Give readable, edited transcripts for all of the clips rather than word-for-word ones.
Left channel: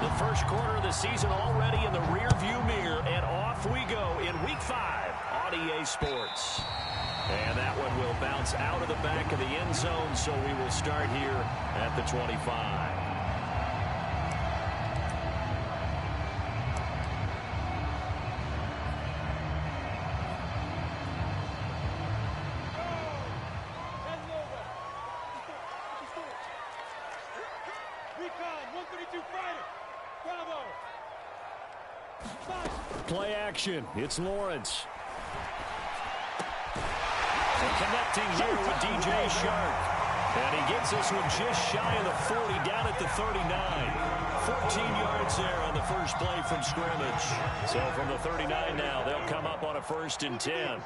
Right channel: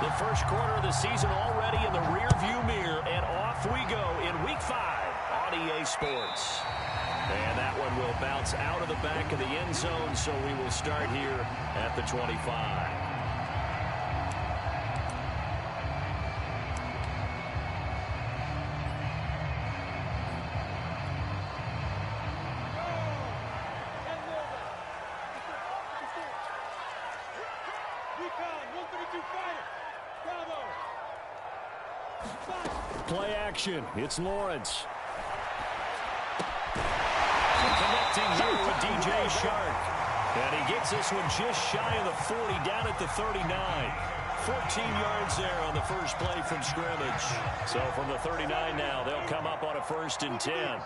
The first quarter of the season already in the rearview mirror, and off we go in Week 5 on EA Sports. And that one will bounce out of the back of the end zone, so we will start here at the 25. Play action. It's Lawrence. Connecting here with DJ Shark. And he gets this one just shy of the 40, down at the 39. 14 yards there on the first play from scrimmage. So from the 39 now, they'll come up on a 1st and 10.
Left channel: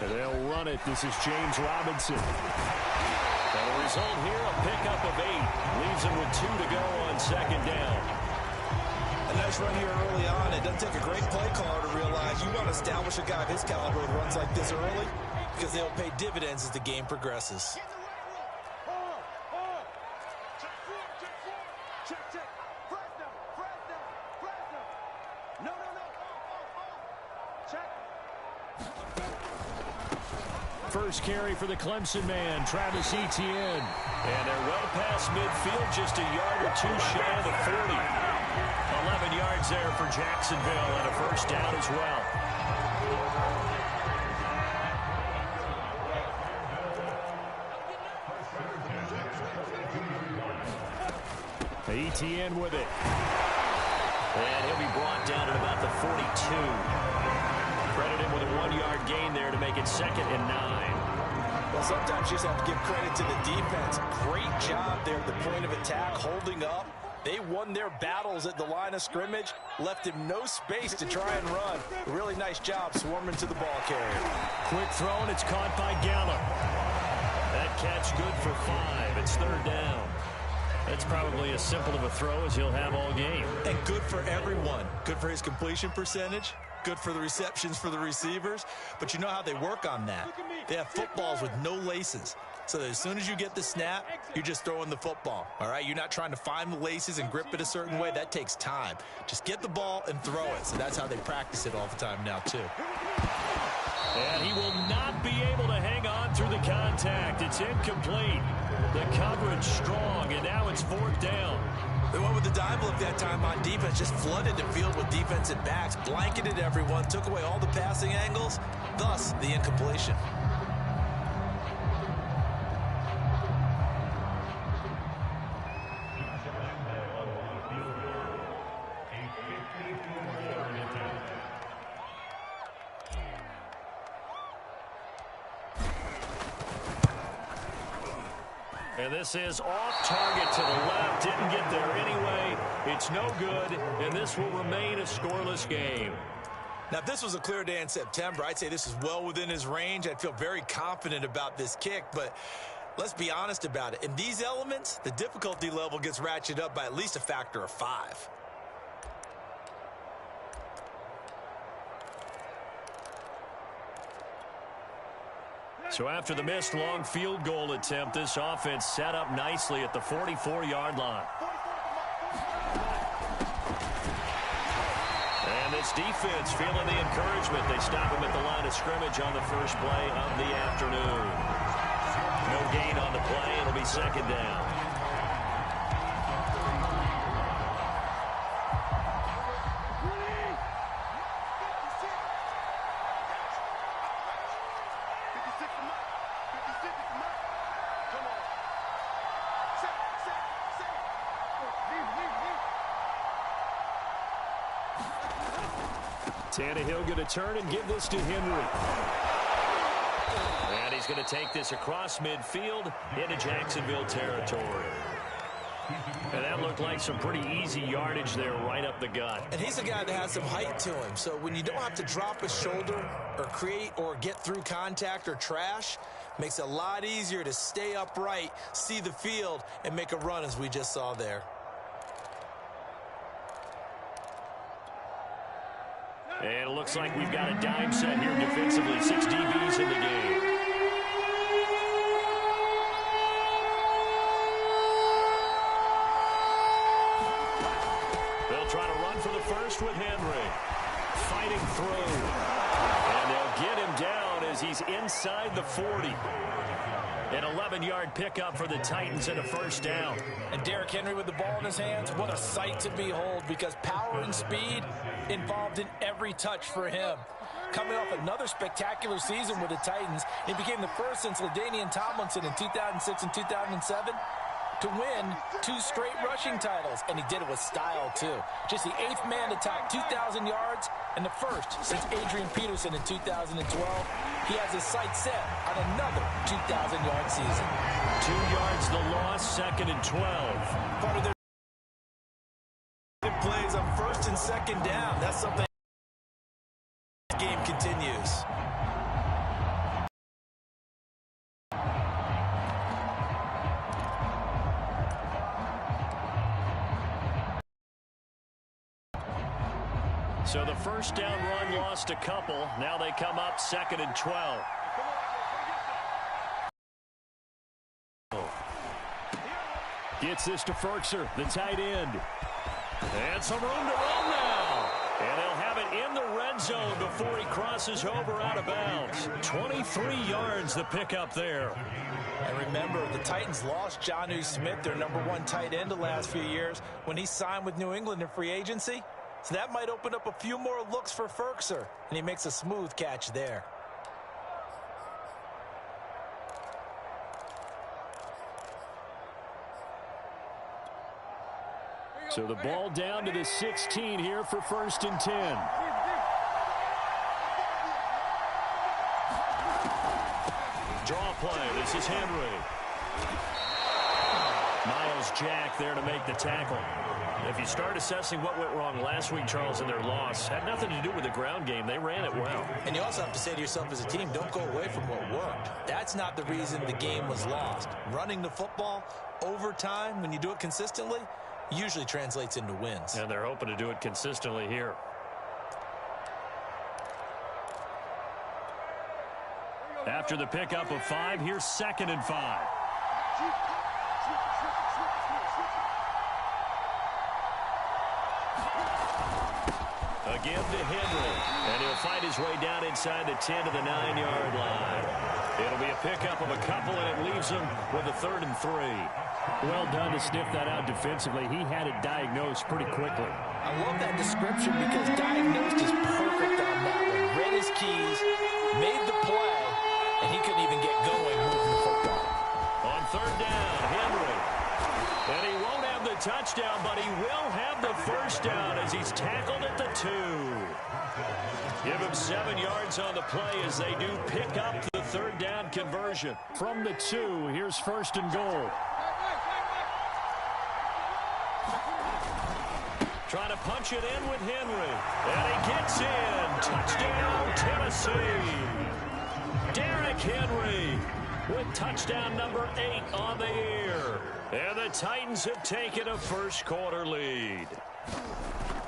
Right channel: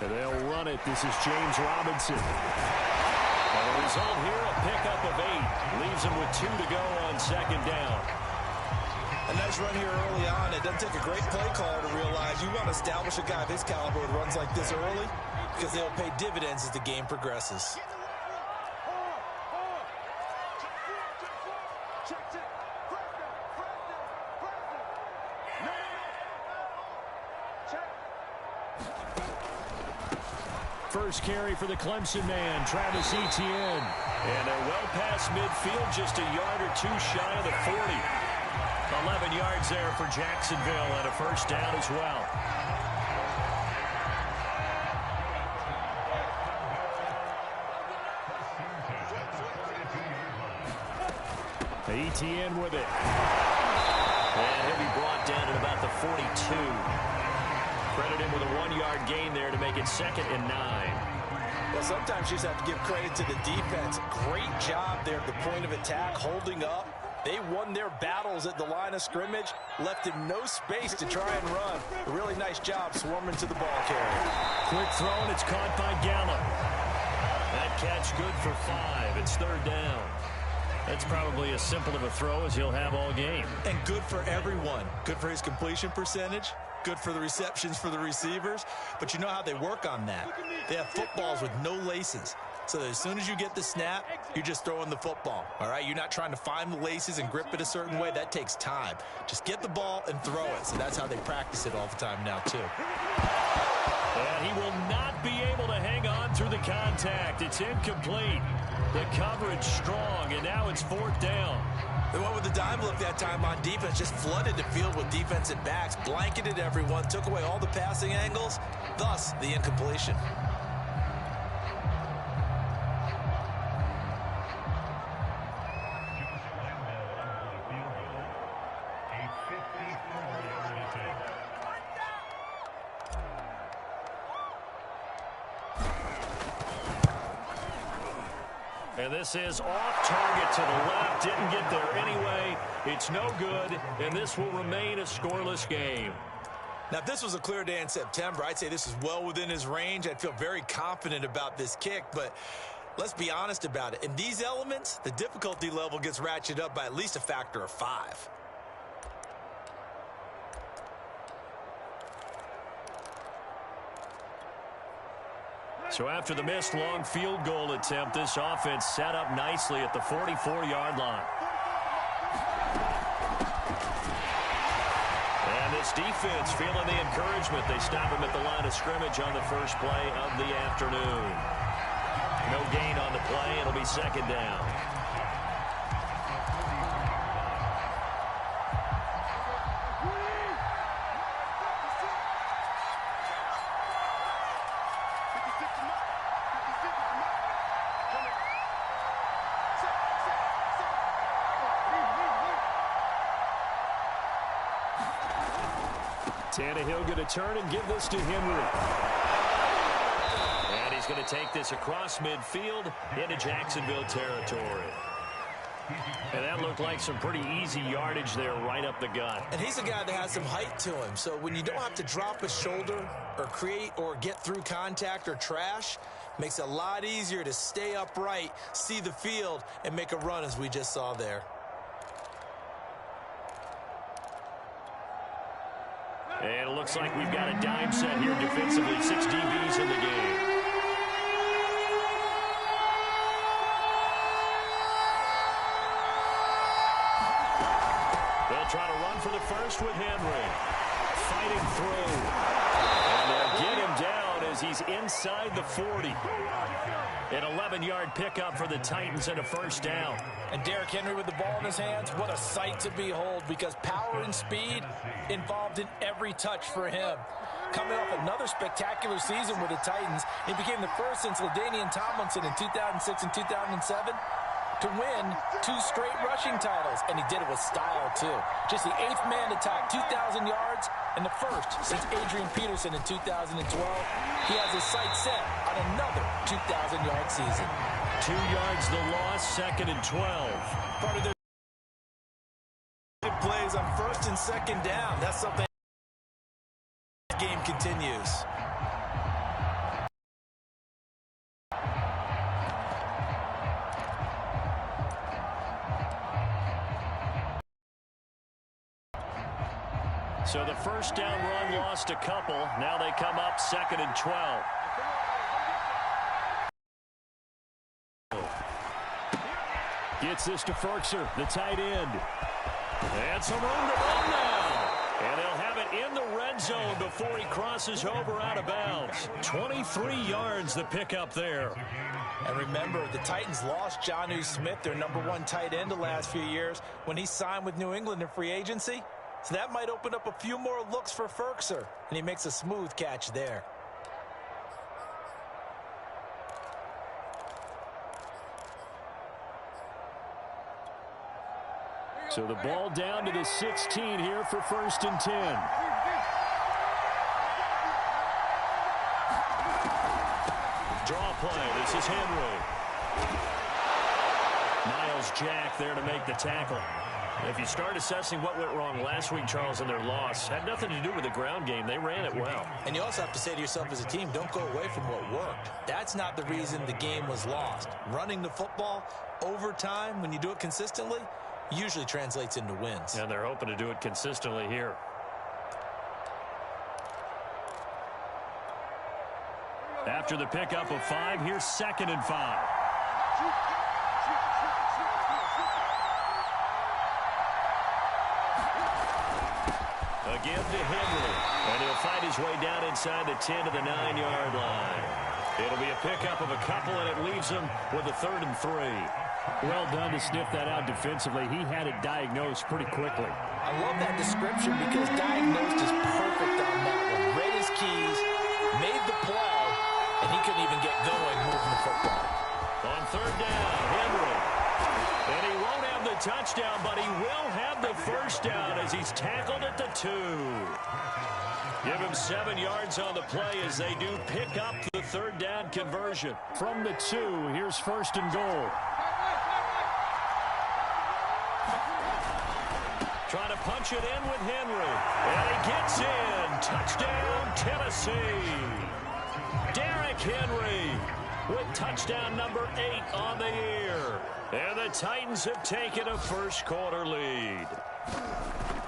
And they'll run it. This is James Robinson. And the result here, a pickup of 8. Leaves him with 2 to go on 2nd down. A nice run here early on. It doesn't take a great play caller to realize you want to establish a guy of his caliber with runs like this early, because they'll pay dividends as the game progresses. First carry for the Clemson man, Travis Etienne. And they're well past midfield, just a yard or 2 shy of the 40. 11 yards there for Jacksonville, and a 1st down as well. Etienne with it. And he'll be brought down at about the 42. Credit him with a 1-yard gain there to make it 2nd and 9. Well, sometimes you just have to give credit to the defense. Great job there at the point of attack, holding up. They won their battles at the line of scrimmage, left him no space to try and run. A really nice job swarming to the ball carrier. Quick throw, and it's caught by Gallup. That catch good for 5. It's 3rd down. That's probably as simple of a throw as he'll have all game. And good for everyone. Good for his completion percentage. Good for the receptions for the receivers. But you know how they work on that. They have footballs with no laces. So that as soon as you get the snap, you're just throwing the football. All right? You're not trying to find the laces and grip it a certain way. That takes time. Just get the ball and throw it. So that's how they practice it all the time now, too. And he will not be able to hang on through the contact. It's incomplete. The coverage strong, and now it's 4th down. They went with the dime look that time on defense, just flooded the field with defensive backs, blanketed everyone, took away all the passing angles, thus the incompletion. And this is off target to the left. Didn't get there anyway. It's no good, and this will remain a scoreless game. Now, if this was a clear day in September, I'd say this is well within his range. I'd feel very confident about this kick, but let's be honest about it. In these elements, the difficulty level gets ratcheted up by at least a factor of 5. So after the missed long field goal attempt, this offense set up nicely at the 44-yard line. And this defense feeling the encouragement. They stop him at the line of scrimmage on the first play of the afternoon. No gain on the play. It'll be 2nd down. Tannehill going to turn and give this to Henry. And he's going to take this across midfield into Jacksonville territory. And that looked like some pretty easy yardage there right up the gut. And he's a guy that has some height to him. So when you don't have to drop a shoulder or create or get through contact or trash, makes it a lot easier to stay upright, see the field, and make a run as we just saw there. And it looks like we've got a dime set here defensively. 6 DBs in the game. They'll try to run for the first with Henry. Fighting through. And they'll get him down as he's inside the 40. An 11-yard pickup for the Titans and a first down. And Derrick Henry with the ball in his hands, what a sight to behold, because power and speed involved in every touch for him. Coming off another spectacular season with the Titans, he became the first since LaDainian Tomlinson in 2006 and 2007 to win 2 straight rushing titles, and he did it with style too. Just the 8th man to top 2,000 yards and the first since Adrian Peterson in 2012. He has his sights set on another 2,000-yard season. 2 yards the loss, 2nd and 12. Part of their plays on 1st and 2nd down. That's something the game continues. So the first down run lost a couple. Now they come up 2nd and 12. Gets this to Ferkser, the tight end. And some room to run now. And they'll have it in the red zone before he crosses over out of bounds. 23 yards the pickup there. And remember, the Titans lost Jonnu Smith, their #1 tight end the last few years, when he signed with New England in free agency. So that might open up a few more looks for Ferkser, and he makes a smooth catch there. So the ball down to the 16 here for 1st and 10. Draw play. This is Henry. Miles Jack there to make the tackle. If you start assessing what went wrong last week, Charles, in their loss, had nothing to do with the ground game. They ran it well. And you also have to say to yourself as a team, don't go away from what worked. That's not the reason the game was lost. Running the football over time, when you do it consistently, usually translates into wins. And they're hoping to do it consistently here. After the pickup of 5, here's 2nd and 5. Again to Henry, and he'll fight his way down inside the 10 to the 9-yard line. It'll be a pickup of a couple, and it leaves him with a 3rd and 3. Well done to sniff that out defensively. He had it diagnosed pretty quickly. I love that description because diagnosed is perfect on that one. Read his keys, made the play, and he couldn't even get going moving the football. On 3rd down, Henry. And he won't have the touchdown, but he will have the first down as he's tackled at the 2. Give him 7 yards on the play as they do pick up the 3rd down conversion. From the 2, here's 1st and goal. Trying to punch it in with Henry. And he gets in. Touchdown, Tennessee. Derrick Henry with touchdown number 8 on the year. And the Titans have taken a first-quarter lead.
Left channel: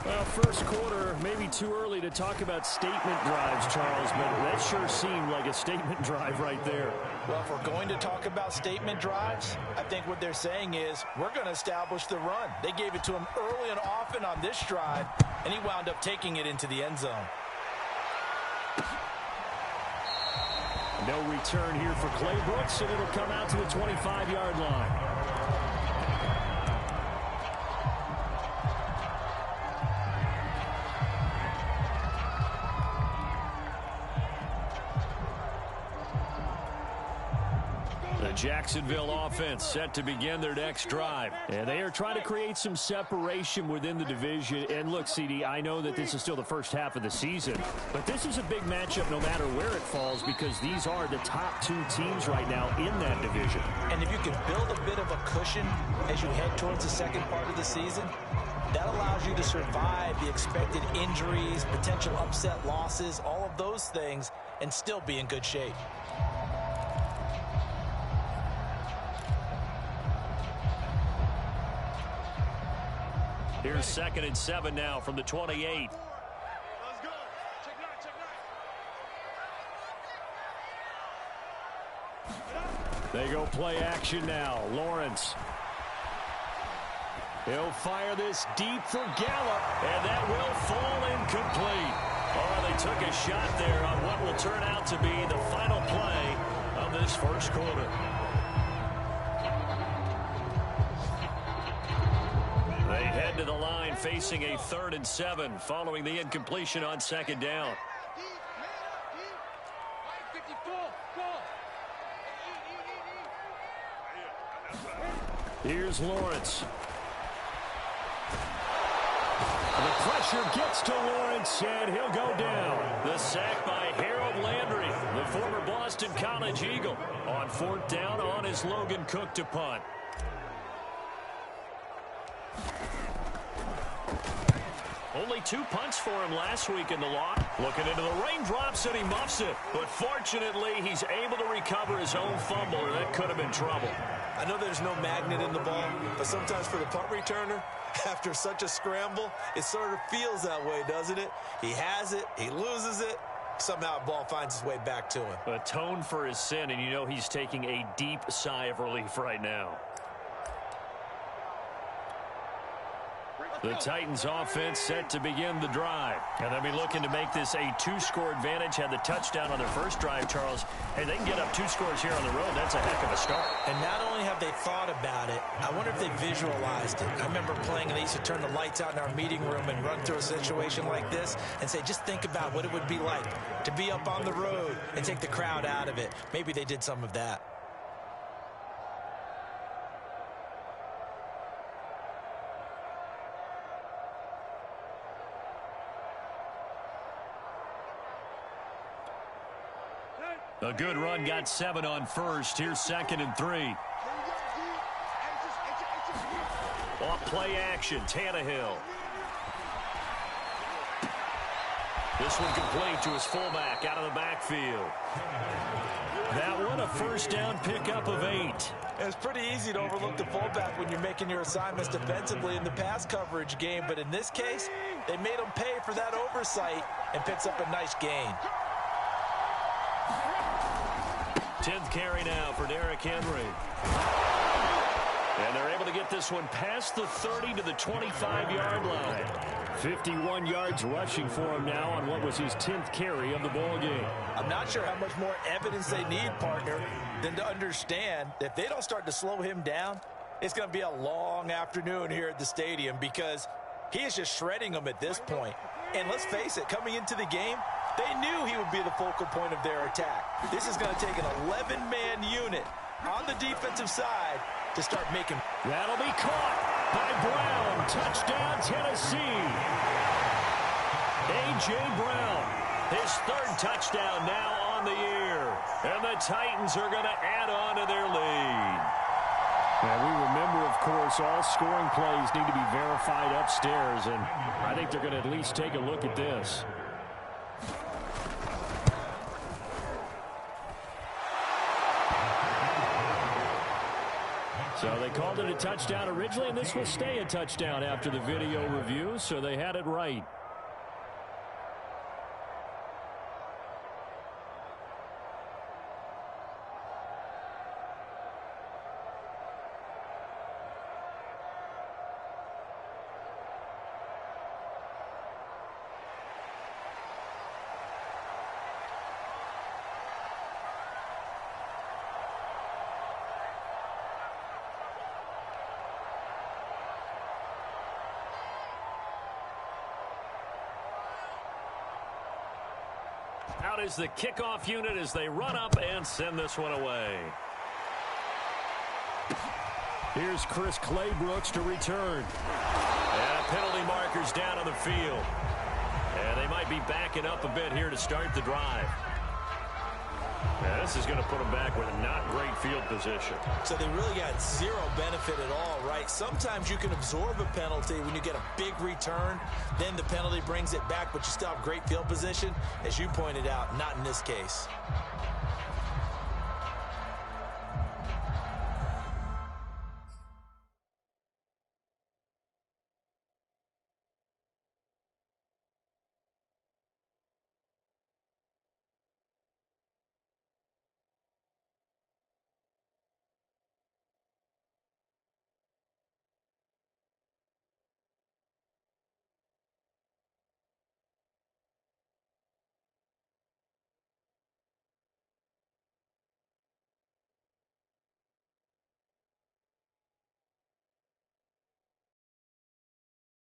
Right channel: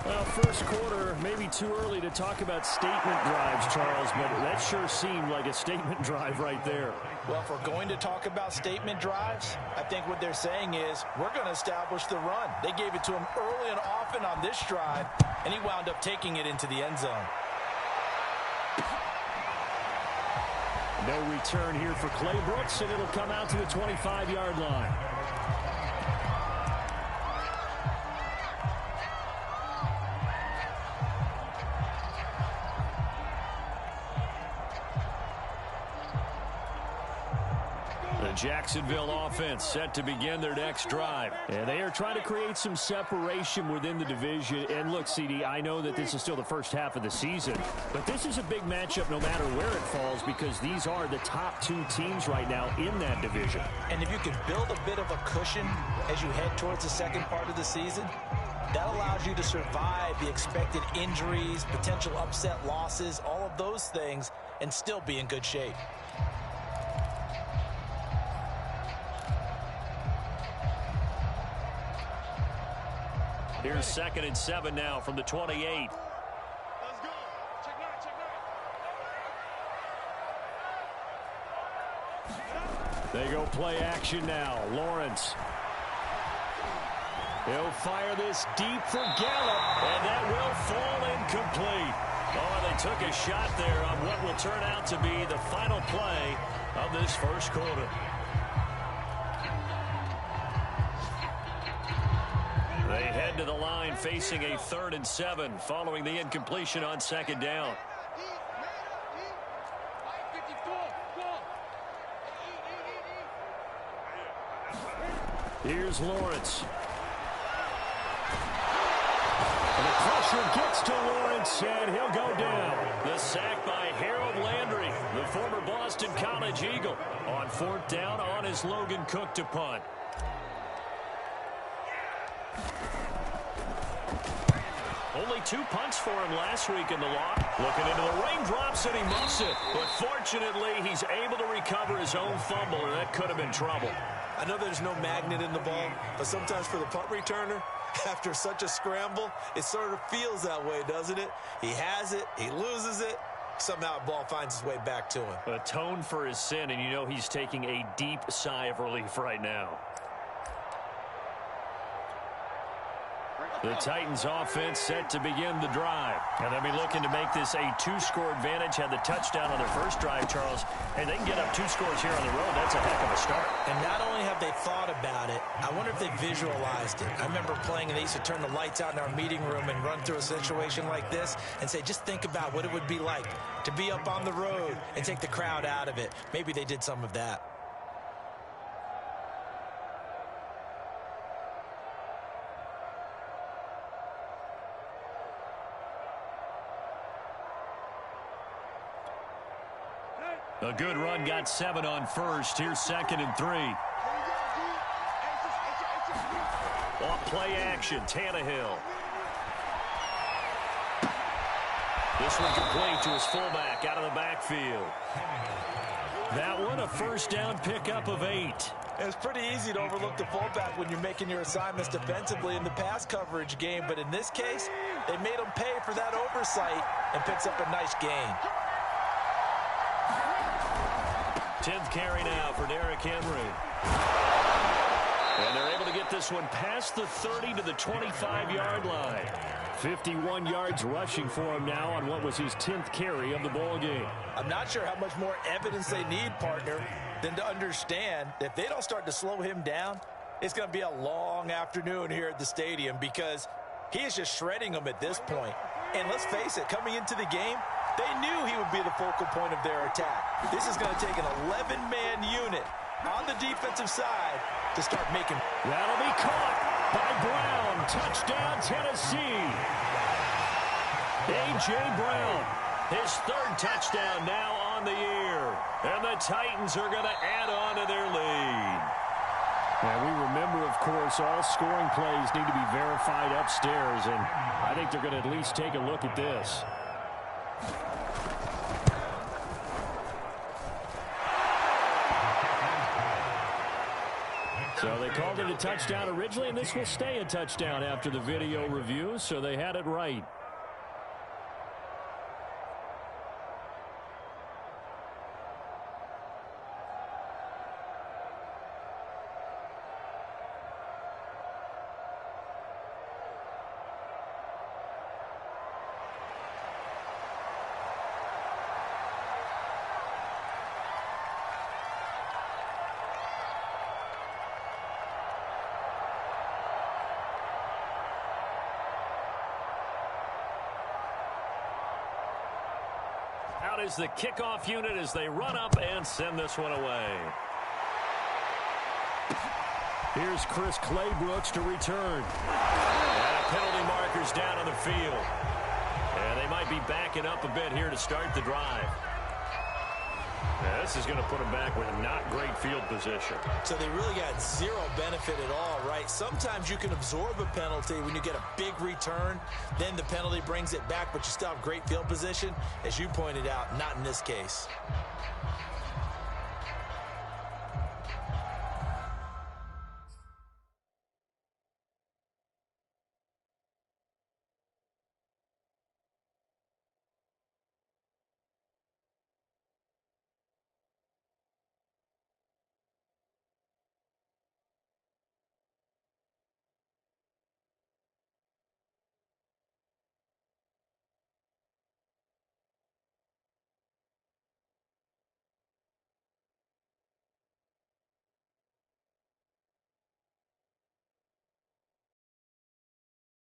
Well, first quarter, maybe too early to talk about statement drives, Charles, but that sure seemed like a statement drive right there. Well, if we're going to talk about statement drives, I think what they're saying is we're going to establish the run. They gave it to him early and often on this drive, and he wound up taking it into the end zone. No return here for Clay Brooks, and it'll come out to the 25-yard line. The Jacksonville offense set to begin their next drive. And they are trying to create some separation within the division. And look, CD, I know that this is still the first half of the season, but this is a big matchup no matter where it falls because these are the top 2 teams right now in that division. And if you could build a bit of a cushion as you head towards the second part of the season, that allows you to survive the expected injuries, potential upset losses, all of those things, and still be in good shape. Here's 2nd and 7 now from the 28. They go play action now. Lawrence. He'll fire this deep for Gallup, and that will fall incomplete. Oh, they took a shot there on what will turn out to be the final play of this first quarter. They head to the line facing a 3rd and 7 following the incompletion on 2nd down. Here's Lawrence. The pressure gets to Lawrence, and he'll go down. The sack by Harold Landry, the former Boston College Eagle, on 4th down on his Logan Cook to punt. Only 2 punts for him last week in the loss. Looking into the raindrops, and he muffs it. But fortunately, he's able to recover his own fumble, or that could have been trouble. I know there's no magnet in the ball, but sometimes for the punt returner, after such a scramble, it sort of feels that way, doesn't it? He has it, he loses it, somehow the ball finds its way back to him. Atone for his sin, and you know he's taking a deep sigh of relief right now. The Titans offense set to begin the drive. And they'll be looking to make this a 2-score advantage. Had the touchdown on their first drive, Charles. And they can get up 2 scores here on the road. That's a heck of a start. And not only have they thought about it, I wonder if they visualized it. I remember playing, and they used to turn the lights out in our meeting room and run through a situation like this and say, just think about what it would be like to be up on the road and take the crowd out of it. Maybe they did some of that. A good run, got 7 on first. Here's 2nd and 3. Off play action, Tannehill. This one complete to his fullback out of the backfield. That one a 1st down pickup of 8. It's pretty easy to overlook the fullback when you're making your assignments defensively in the pass coverage game. But in this case, they made him pay for that oversight and picks up a nice gain. 10th carry now for Derrick Henry. And they're able to get this one past the 30 to the 25-yard line. 51 yards rushing for him now on what was his 10th carry of the ball game. I'm not sure how much more evidence they need, partner, than to understand that if they don't start to slow him down, it's going to be a long afternoon here at the stadium because he is just shredding them at this point. And let's face it, coming into the game, they knew he would be the focal point of their attack. This is going to take an 11-man unit on the defensive side to start making. That'll be caught by Brown. Touchdown, Tennessee. A.J. Brown, his 3rd touchdown now on the year. And the Titans are going to add on to their lead. And we remember, of course, all scoring plays need to be verified upstairs. And I think they're going to at least take a look at this. So they called it a touchdown originally, and this will stay a touchdown after the video review, so they had it right. Out is the kickoff unit as they run up and send this one away. Here's Chris Claybrooks to return. And a penalty marker's down on the field. And they might be backing up a bit here to start the drive. Now, this is going to put them back with not great field position. So they really got zero benefit at all, right? Sometimes you can absorb a penalty when you get a big return. Then the penalty brings it back, but you still have great field position. As you pointed out, not in this case.